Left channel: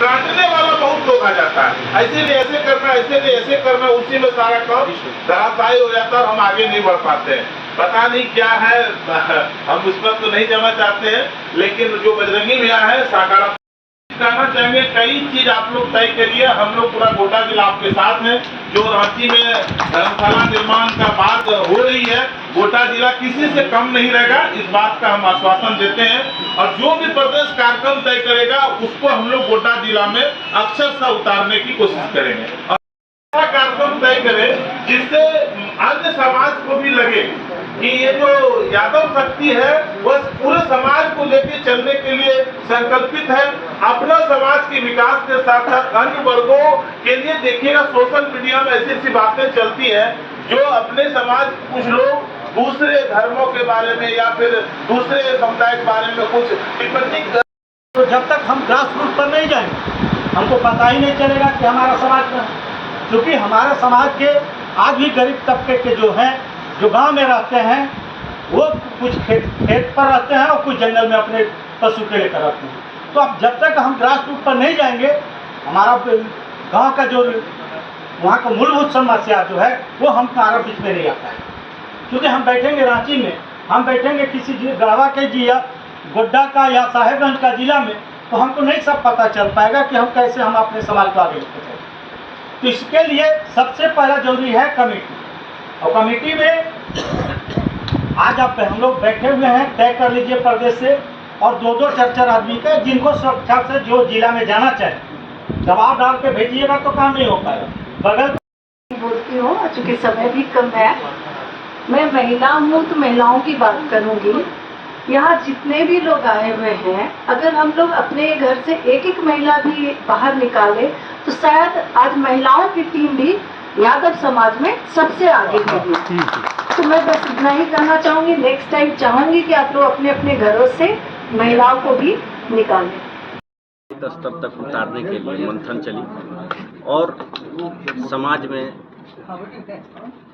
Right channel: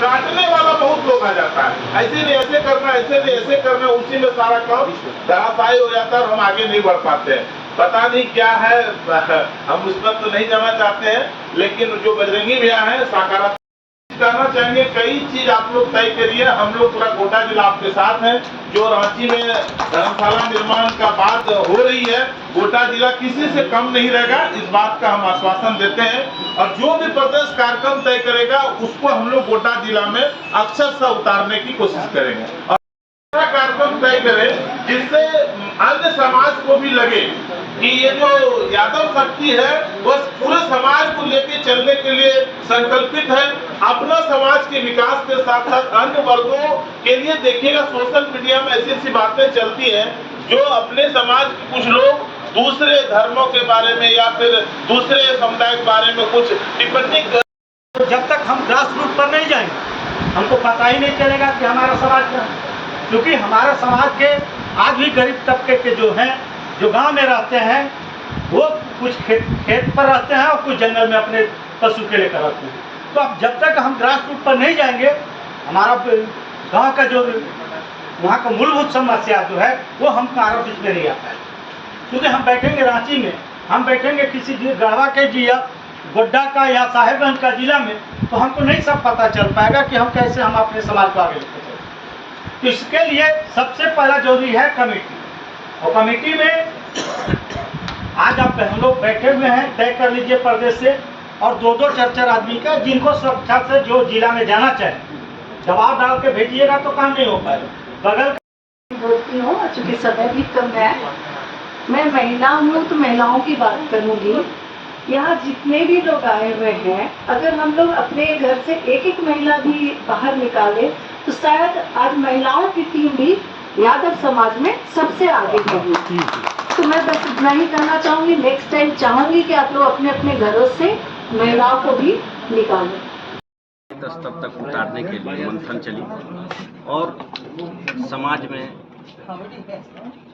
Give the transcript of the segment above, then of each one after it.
काटने वाला बहुत लोग आ जाता है, ऐसे भी ऐसे करना, ऐसे भी ऐसे करना, उसी में सारा काम धराशायी हो जाता है और हम आगे नहीं बढ़ पाते हैं। पता नहीं क्या है, हम उस पर तो नहीं जाना चाहते हैं, लेकिन जो बजरंगी भैया है सकारात्मक कहना चाहेंगे, कई चीज आप लोग तय करिए। हम लोग पूरा गोड्डा जिला आपके साथ है। जो रांची में धर्मशाला निर्माण का बात हो रही है, गोड्डा जिला किसी से कम नहीं रहेगा, इस बात का हम आश्वासन देते हैं। और जो भी प्रदेश कार्यक्रम तय करेगा उसको हम लोग गोड्डा जिला में अक्षरशः उतारने की कोशिश करेंगे और कार्यक्रम तय करें जिससे अन्य समाज को भी लगे कि ये जो यादव शक्ति है वो पूरे समाज को लेकर चलने के लिए संकल्पित है। अपना समाज के विकास के साथ साथ अन्य वर्गों के लिए देखिएगा, सोशल मीडिया में ऐसी ऐसी बातें चलती हैं जो अपने समाज के कुछ लोग दूसरे धर्मों के बारे में या फिर दूसरे समुदाय के बारे में कुछ टिप्पणी कर। तो जब तक हम ग्रास रूट पर नहीं जाएंगे हमको पता ही नहीं चलेगा कि हमारा समाज क्या है। क्योंकि हमारे समाज के आज भी गरीब तबके के जो हैं, जो गांव में रहते हैं, वो कुछ खेत पर रहते हैं और कुछ जंगल में अपने पशु के लेकर रहते हैं। तो अब जब तक हम ग्रास रूट पर नहीं जाएंगे, हमारा गांव का जो वहाँ का मूलभूत समस्या जो है वो हमारा बीच में नहीं आता है। क्योंकि हम बैठेंगे रांची में, हम बैठेंगे किसी गढ़वा के जिला, गोड्डा का या साहेबगंज का जिला में, तो हमको नहीं सब पता चल पाएगा कि हम कैसे हम अपने समाज को आगे लेकर चलें। तो इसके लिए सबसे पहला जरूरी है कमेटी। और कमेटी में आज आप हम लोग बैठे हुए हैं, तय कर लीजिए प्रदेश से, और दो दो चार चार आदमी का, जिनको सुरक्षा से जो जिला में जाना चाहे दबाव डाल के भेजिएगा तो काम नहीं हो पाएगा। बगल बोलती हूँ, चूँकि समय भी कम है, मैं महिला हूँ तो महिलाओं की बात करूँगी। यहाँ जितने भी लोग आए हुए हैं, अगर हम लोग अपने घर से एक एक महिला भी बाहर निकाले तो शायद आज महिलाओं की टीम भी यादव समाज में सबसे आगे होगी। तो मैं बस इतना ही कहना चाहूँगी। नेक्स्ट टाइम चाहूँगी कि आप लोग अपने अपने घरों से महिलाओं को भी निकालें। स्तर तक उतारने के लिए मंथन चली और समाज में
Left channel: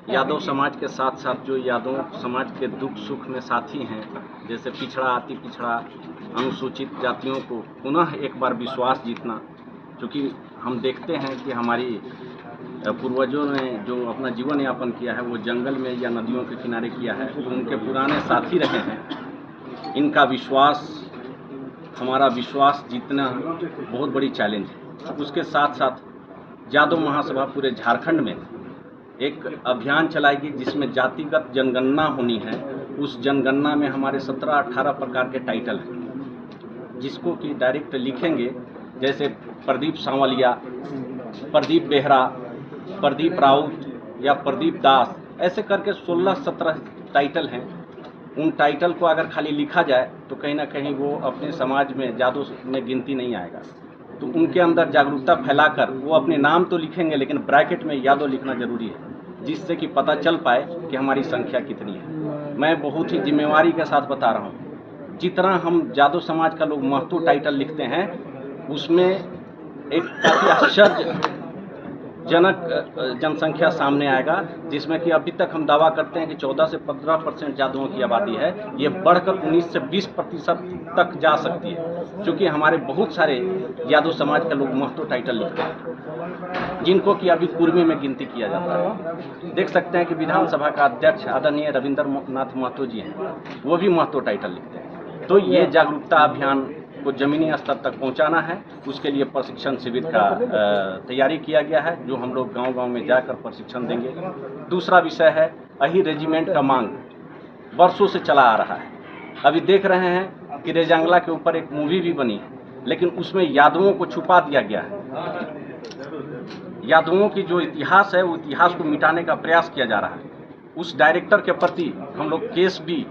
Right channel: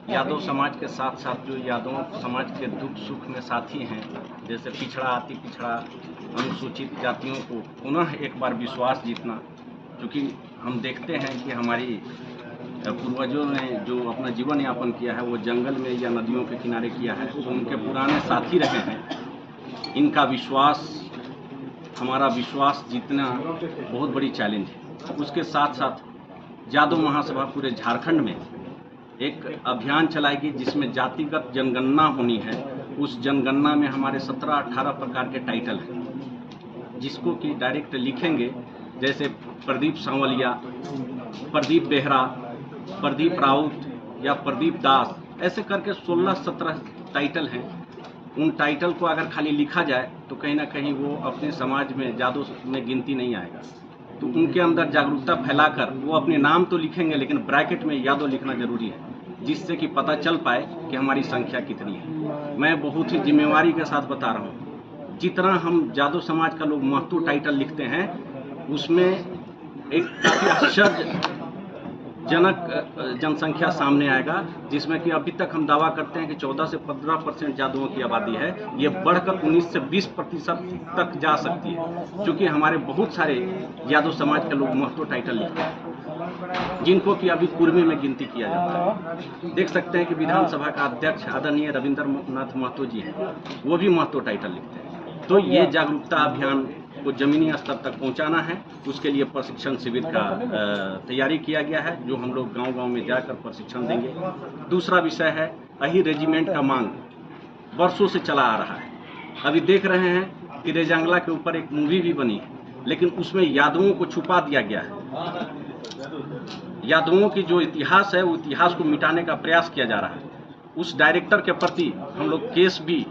यादव समाज के साथ साथ जो यादव समाज के दुख सुख में साथी हैं, जैसे पिछड़ा अति पिछड़ा अनुसूचित जातियों को पुनः एक बार विश्वास जीतना। क्योंकि हम देखते हैं कि हमारी पूर्वजों ने जो अपना जीवन यापन किया है वो जंगल में या नदियों के किनारे किया है, तो उनके पुराने साथी रहे हैं। इनका विश्वास, हमारा विश्वास जीतना बहुत बड़ी चैलेंज है। उसके साथ साथ यादव महासभा पूरे झारखंड में एक अभियान चलाएगी जिसमें जातिगत जनगणना होनी है। उस जनगणना में हमारे 17-18 प्रकार के टाइटल हैं, जिसको कि डायरेक्ट लिखेंगे, जैसे प्रदीप सांवलिया, प्रदीप बेहरा, प्रदीप राउत या प्रदीप दास, ऐसे करके 16-17 टाइटल हैं। उन टाइटल को अगर खाली लिखा जाए तो कहीं ना कहीं वो अपने समाज में यादव में गिनती नहीं आएगा। तो उनके अंदर जागरूकता फैलाकर वो अपने नाम तो लिखेंगे लेकिन ब्रैकेट में यादव लिखना जरूरी है, जिससे कि पता चल पाए कि हमारी संख्या कितनी है। मैं बहुत ही जिम्मेवारी के साथ बता रहा हूँ, जितना हम यादव समाज का लोग महत्व टाइटल लिखते हैं उसमें एक काफ़ी आश्चर्यजनक जनसंख्या सामने आएगा, जिसमें कि अभी तक हम दावा करते हैं कि 14 से 15% यादवों की आबादी है। ये बढ़कर 19 से 20% तक जा सकती है, क्योंकि हमारे बहुत सारे यादव समाज के लोग महत्व टाइटल लिखते हैं, जिनको कि अभी कुर्मी में गिनती किया जाता है। देख सकते हैं कि विधानसभा का अध्यक्ष आदरणीय रविंद्र नाथ महतो जी हैं, वो भी महत्व टाइटल लिखते हैं। तो ये जागरूकता अभियान को जमीनी स्तर तक पहुंचाना है, उसके लिए प्रशिक्षण शिविर का तैयारी किया गया है, जो हम लोग गांव-गांव में जाकर प्रशिक्षण देंगे। दूसरा विषय है अही रेजिमेंट का मांग वर्षों से चला आ रहा है। अभी देख रहे हैं कि रेजांगला के ऊपर एक मूवी भी बनी है, लेकिन उसमें यादवों को छुपा दिया गया है। यादवों की जो इतिहास है वो इतिहास को मिटाने का प्रयास किया जा रहा है। उस डायरेक्टर के प्रति हम लोग केस भी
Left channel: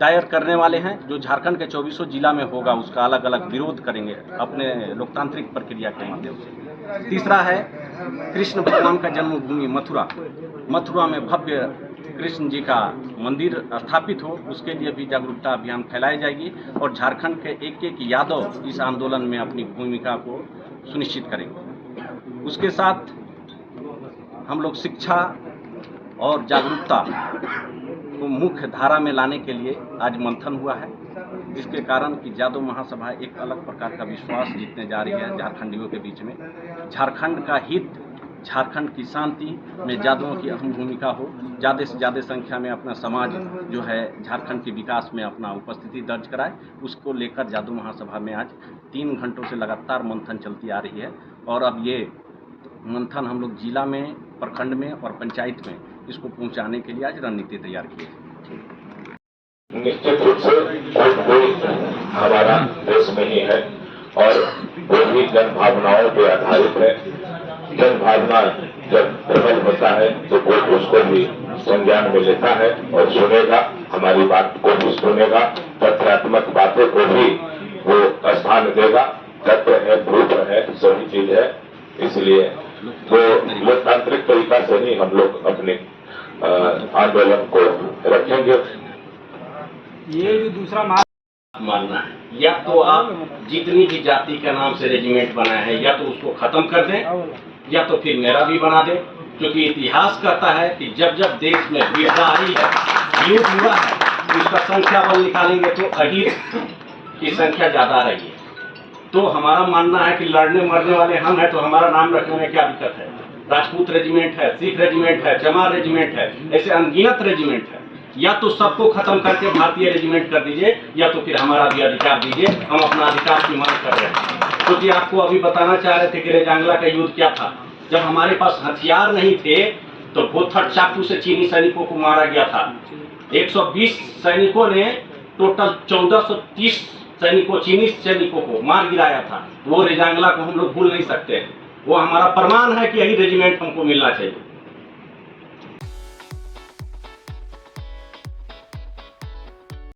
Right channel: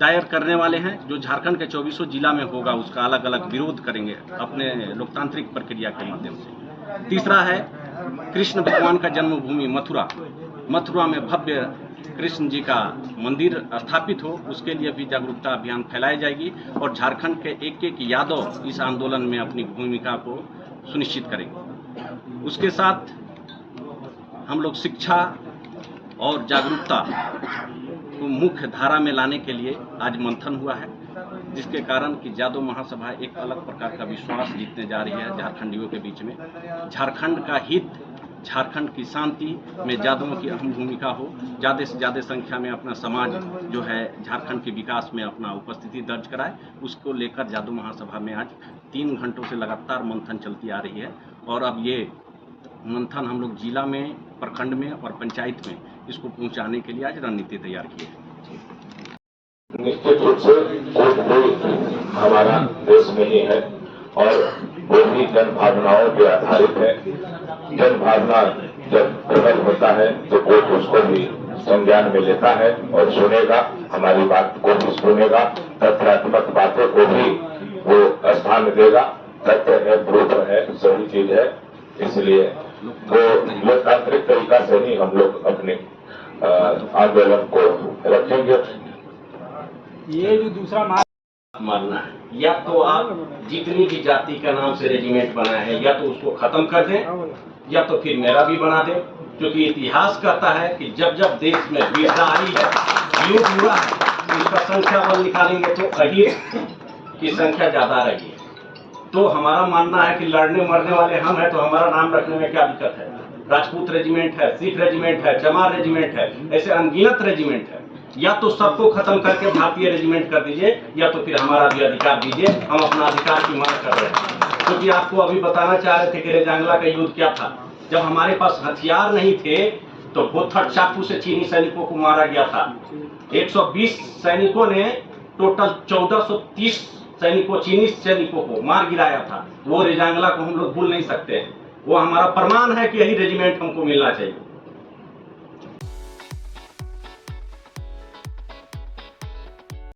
दायर करने वाले हैं, जो झारखंड के 24 जिला में होगा। उसका अलग अलग विरोध करेंगे अपने लोकतांत्रिक प्रक्रिया के माध्यम से। तीसरा है कृष्ण भगवान का जन्मभूमि मथुरा में भव्य कृष्ण जी का मंदिर स्थापित हो, उसके लिए भी जागरूकता अभियान फैलाई जाएगी और झारखंड के एक एक यादव इस आंदोलन में अपनी भूमिका को सुनिश्चित करेंगे। उसके साथ हम लोग शिक्षा और जागरूकता को मुख्य धारा में लाने के लिए आज मंथन हुआ है। जिसके कारण कि जादव महासभा एक अलग प्रकार का विश्वास जीतने जा रही है झारखंडियों के बीच में। झारखंड का हित, झारखंड की शांति में जादवों की अहम भूमिका हो, ज़्यादा से ज़्यादा संख्या में अपना समाज जो है झारखंड के विकास में अपना उपस्थिति दर्ज कराए, उसको लेकर जादव महासभा में आज 3 घंटों से लगातार मंथन चलती आ रही है। और अब ये मंथन हम लोग जिला में, प्रखंड में और पंचायत में इसको पहुंचाने के लिए आज रणनीति तैयार की है। निश्चित रूप से वोट भी हमारा देश में ही है और वो भी जन भावनाओं पर आधारित है। जन भावना जब प्रकट होता है तो वोट उसको भी संज्ञान में लेता है और सुनेगा, हमारी बात को भी सुनेगा, तथ्यात्मक बातों को भी वो स्थान देगा। तथ्य है, प्रूफ है, सही चीज है। इसलिए वो लोकतांत्रिक तरीका से ही हम लोग अपने आंदोलन को रखेंगे। ये जो दूसरा मानना है, या तो आप जितनी भी जाति के नाम से रेजिमेंट बना है या तो उसको खत्म कर दें या तो फिर मेरा भी बना दें, क्योंकि इतिहास कहता है कि जब जब देश में विपदा आई है, युद्ध हुआ है, तो उसका संख्या बल निकालेंगे तो अहीर की संख्या ज्यादा रही है। तो हमारा मानना है कि लड़ने मरने वाले हम हैं, तो हमारा नाम रखने में क्या दिक्कत है। राजपूत रेजिमेंट है, सिख रेजिमेंट है, चमार रेजिमेंट है, ऐसे अनगिनत रेजिमेंट है। या तो सबको खत्म करके भारतीय रेजिमेंट कर दीजिए या तो फिर हमारा भी अधिकार दीजिए। हम अपना अधिकार की मांग कर रहे हैं, क्योंकि आपको अभी बताना चाह रहे थे कि रेजांगला का युद्ध क्या था। जब हमारे पास हथियार नहीं थे तो बोथड़ चाकू से चीनी सैनिकों को मारा गया था। 120 सैनिकों ने टोटल 1430 सैनिकों, चीनी सैनिकों को मार गिराया था। वो रेजांगला को हम लोग भूल नहीं सकते हैं। वो हमारा प्रमाण है कि यही रेजिमेंट हमको मिलना चाहिए।